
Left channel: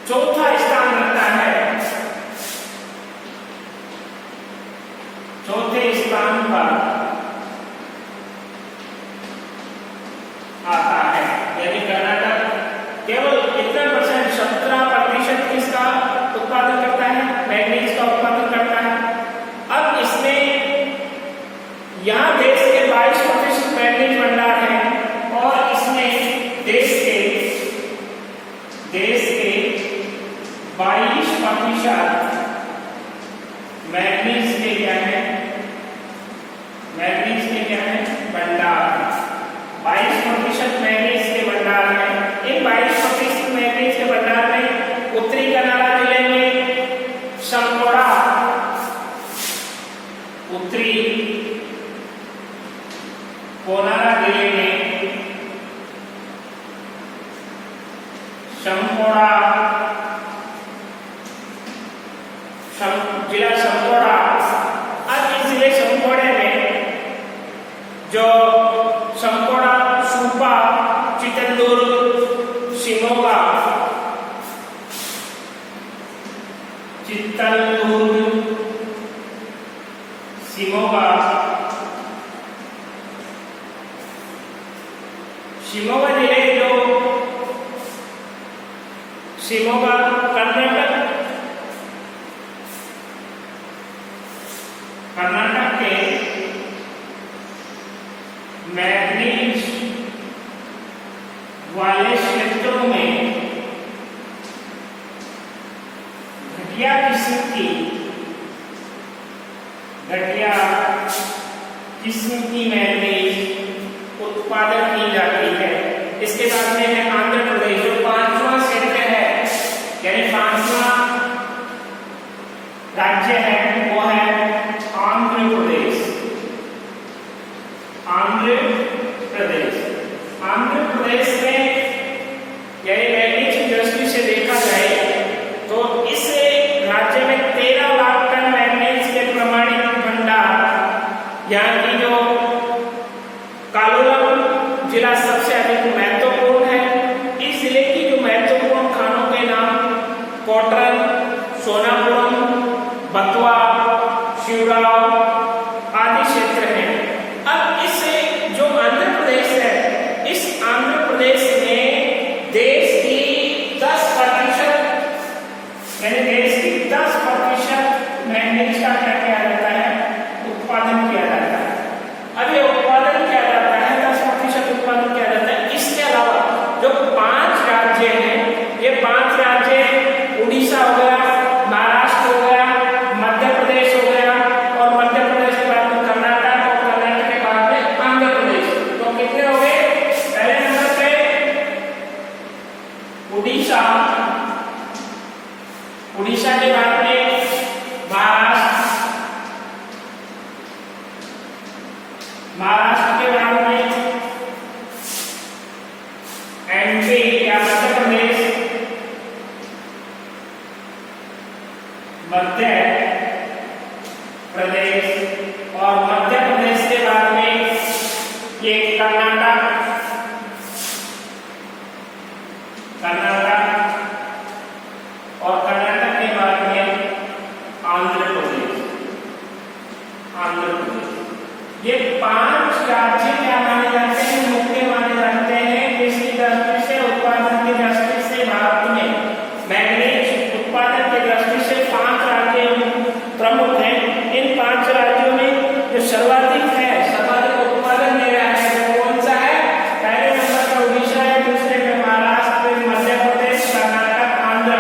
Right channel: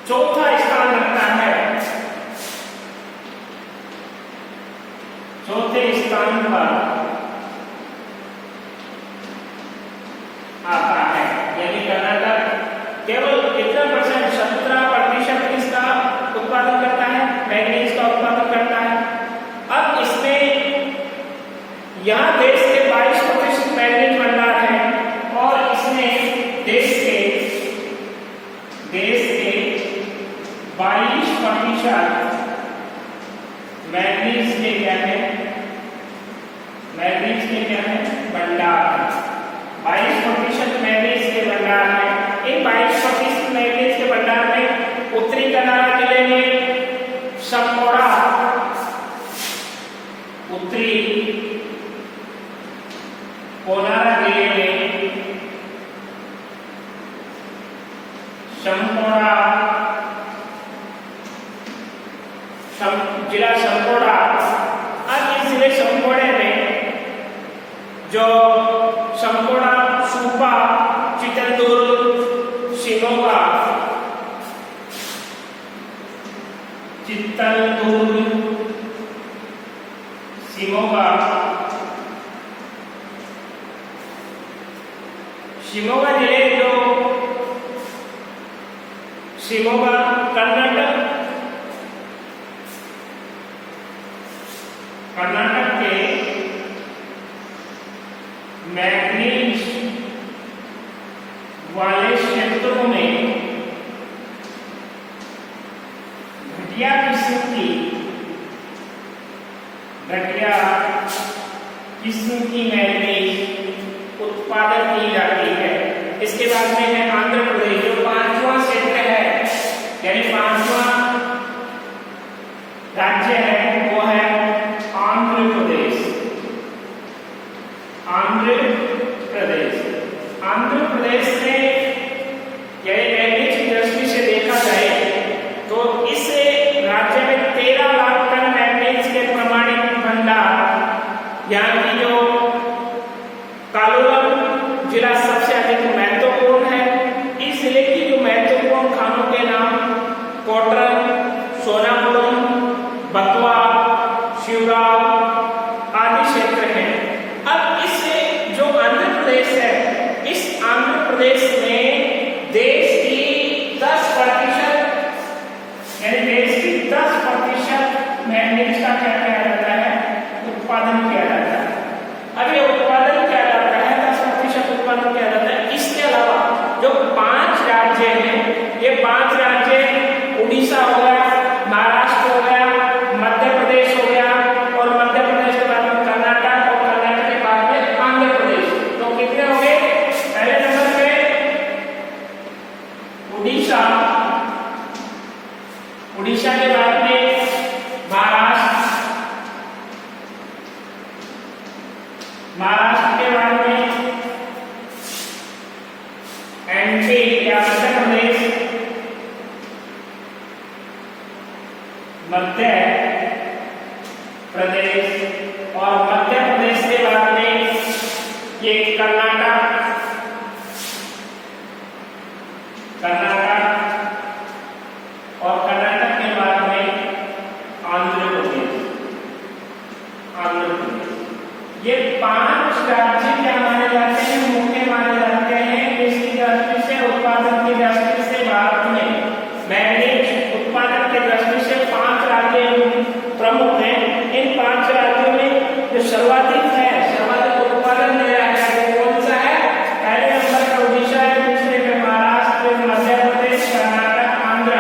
चौथा स्थान रखता है। चौथे स्थान पर आता है। यानी कर्नाटक केवल कितना परसेंट? 17% किसका उत्पादन करता है? मैग्नीज का उत्पादन करता है। अब इसमें यहाँ देश के 22% मैग्नीज भंडार है और इसमें देश के 22% मैग्नीज के क्या है? मैग्नीज के क्या है? भंडार। 22% मैग्नीज के भंडार में, इन 22% मैग्नीज के भंडार में उत्तरी कन्नड़ा जिले में शंकोड़ा, उत्तरी कोलार जिले में शंकोड़ा, जिला शंकोड़ा। अब इस जिले शंकोड़े में जो शंकोड़ा, सुपा, चित्रदुर्ग, शिमोगा, शिमोगा जिले जो शिमोगा कर्नाटक के मैग्नीज वाले क्षेत्रों में घटिया किस्म की मैग्नीज उत्पादन की जाती है। इसके बाद में है आंध्र प्रदेश, जो 5वां क्षेत्र है, यानी 5वां राज्य है वो है आंध्र प्रदेश। आंध्र यहाँ की जो कालोलम जिला सबसे अधिक महत्वपूर्ण है। इस जिले की जो महत्वपूर्ण खानों के नाम कोटरन, सोनापुरम, बतवा, शिवराव आदि क्षेत्र हैं। अब इस जो आंध्र प्रदेश है, इस आंध्र प्रदेश में देश की 10% यानी देश की 10% मैंगनीज का क्या किया जाता है, उत्पादन किया जाता है। अब ये उत्पादन किया जाता है, 10% उत्पादन किया जाता है। इसके अलावा जो 5 राज्य हैं, ये 5 राज्य उड़ीसा हो गया, महाराष्ट्र हो गया, मध्य प्रदेश हो गया, और मध्य प्रदेश के बाद में कर्नाटक, और कर्नाटक के बाद में आंध्र प्रदेश। तो कितने हो गए? पहले नंबर पे उड़ीसा, उड़ीसा के बाद में महाराष्ट्र, महाराष्ट्र के बाद में एमपी या मध्य प्रदेश, मध्य प्रदेश, और मध्य प्रदेश के बाद में ये कर्नाटक, कर्नाटक, और कर्नाटक के बाद में आंध्र प्रदेश, आंध्र प्रदेश। ये 5 राज्य क्या माने जाते हैं, मुख्य माने जाते हैं। इसकी दृष्टि से, उत्पादन की दृष्टि से भारत में मैंगनीज उत्पादन की दृष्टि से 5 राज्य प्रमुख हैं। इन 5 राज्यों में जो सर्वाधिक है, सर्वाधिक उत्पादन दे रहा है, वो कौन सा है? पहले नंबर पर उड़ीसा है, दूसरे में महाराष्ट्र, मध्य प्रदेश, कर्नाटक, आंध्र।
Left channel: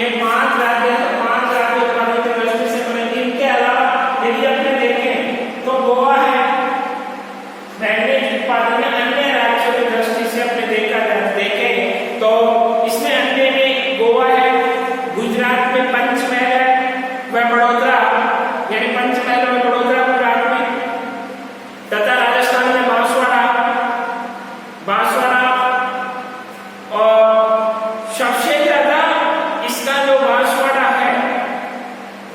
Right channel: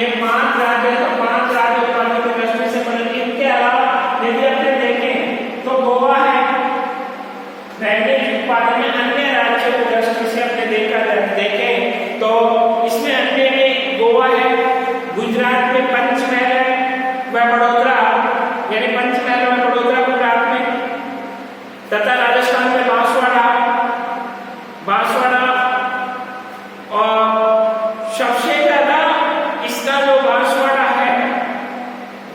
ये 5 राज्य हैं। तो 5 राज्य उत्पादन की दृष्टि से बने। इनके अलावा यदि अपने देखें तो गोवा है मैंगनीज उत्पादन में। अन्य राज्यों की दृष्टि से अपने देखें तो इसमें अन्य में गोवा है, गुजरात में पंचमहल है, वह बड़ौदा यानी पंचमहल और बड़ौदा गुजरात में, तथा राजस्थान में बांसवाड़ा, बांसवाड़ा। और सबसे ज्यादा इसका जो बांसवाड़ा है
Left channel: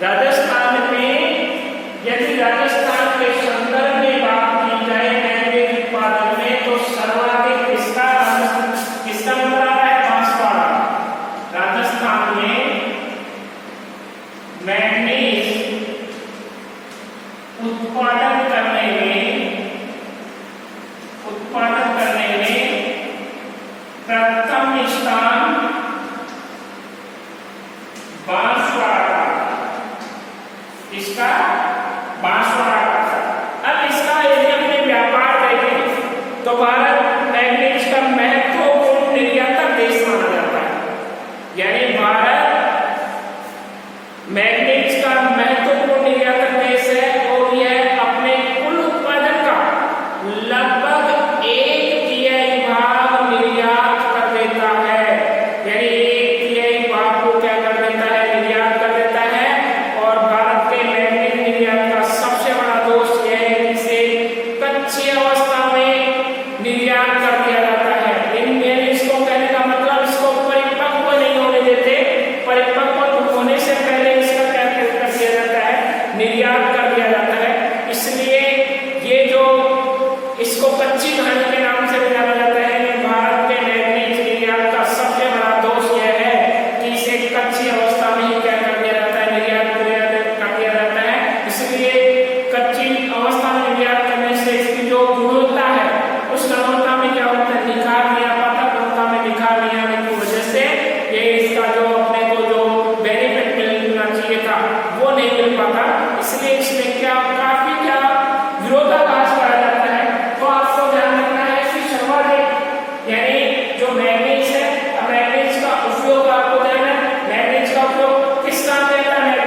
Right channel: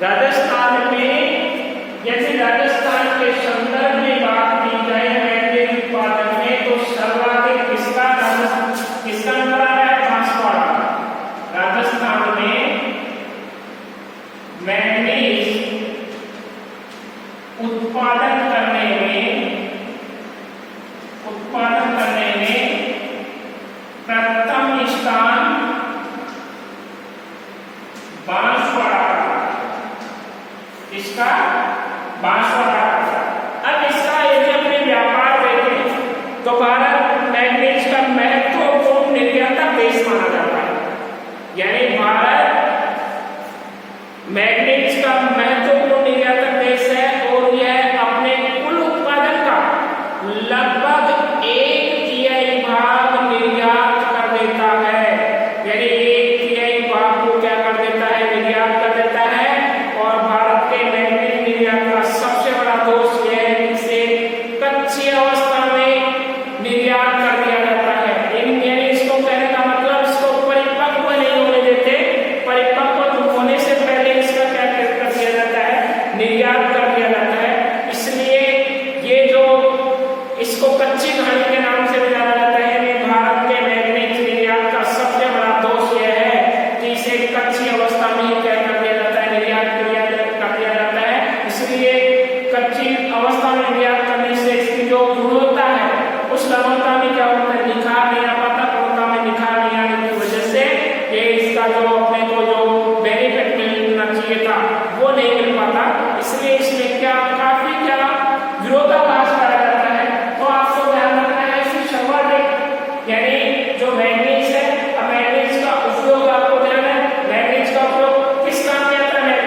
राजस्थान में, यदि राजस्थान के संदर्भ में बात की जाए मैंगनीज उत्पादन में, तो सर्वाधिक इसका नंबर आ रहा है बांसवाड़ा। राजस्थान में मैंगनीज उत्पादन करने में प्रथम स्थान बांसवाड़ा का, इसका बांसवाड़ा का। अब इसका यदि अपने व्यापार देखें तो भारत मैंगनीज का महत्वपूर्ण निर्यातक देश माना जाता है। यानी भारत मैंगनीज का महत्वपूर्ण निर्यातक देश है, और यह अपने कुल उत्पादन का लगभग 1/3 भाग निर्यात कर देता है। यानी 1/3 भाग को क्या कर देता है, निर्यात कर देता है। और भारत के मैंगनीज निर्यात का सबसे बड़ा दोष यह है कि इसे कच्ची अवस्था में निर्यात कर दिया जाता है। इसको कहने का मतलब इसको परिपक्व नहीं होने देते, परिपक्व होने से पहले इसका क्या कर दिया जाता है, निर्यात कर दिया जाता है। इसलिए ये जो इसको कच्ची घानी के नाम से भी जाना जाता है। कि भारत के मैंगनीज निर्यात का सबसे बड़ा दोष यह है कि इसे कच्ची अवस्था में ही क्या कर दिया जाता है, निर्यात कर दिया जाता है। इसलिए कच्ची अवस्था में निर्यात करने से इसकी जो गुणवत्ता है, उस गुणवत्ता में क्या होता है, निखार नहीं आ पाता। गुणवत्ता में निखार नहीं आने की वजह से ये इसका जो अपने को जो बेनिफिट मिलना चाहिए था वो नहीं मिल पाता। इसलिए इसमें क्या काफी क्या विरोधाभास पाया जाता है। तो आपको ध्यान रखना है कि सर्वाधिक यानी जो मैंगनीज है, अब मैंगनीज का उपयोग आपको ध्यान है, मैंगनीज का उपयोग किस काम में आता है?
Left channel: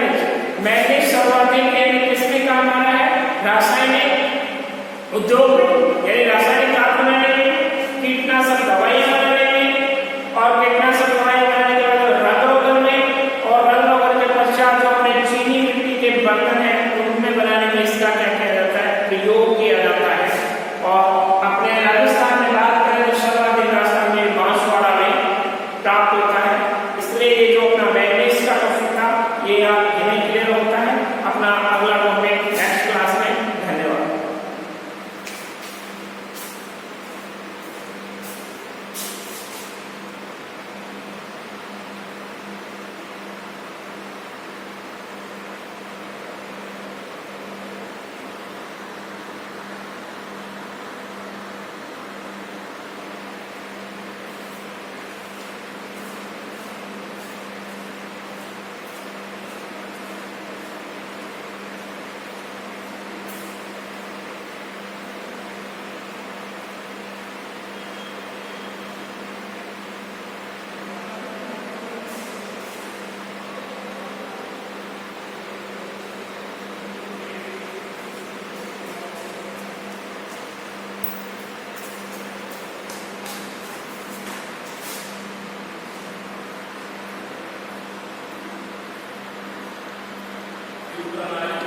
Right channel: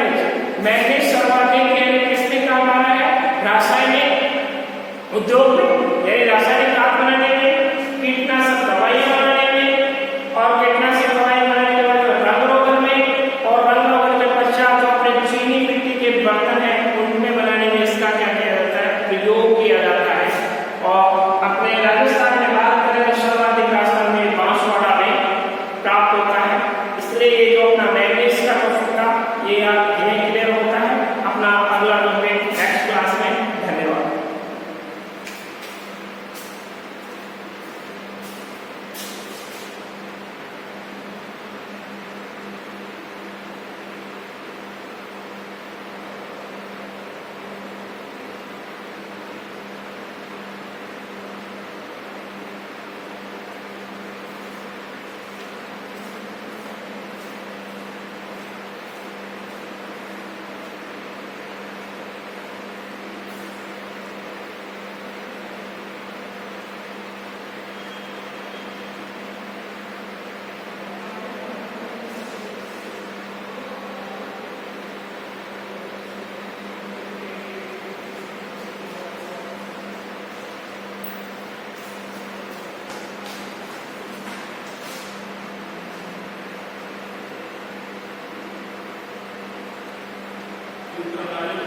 मैंगनीज सर्वाधिक यानी किसमें काम आना है? रासायनिक उद्योग में, यानी रासायनिक खाद बनाने में, कीटनाशक दवाइयां बनाने में, और कीटनाशक दवाइयां बनाने के बाद रंग रोगन में, और रंग रोगन के पश्चात जो अपने चीनी मिट्टी के बर्तन है उनमें बनाने में इसका क्या किया जाता है, प्रयोग किया जाता है। और अपने राजस्थान में बात करें तो सर्वाधिक राजस्थान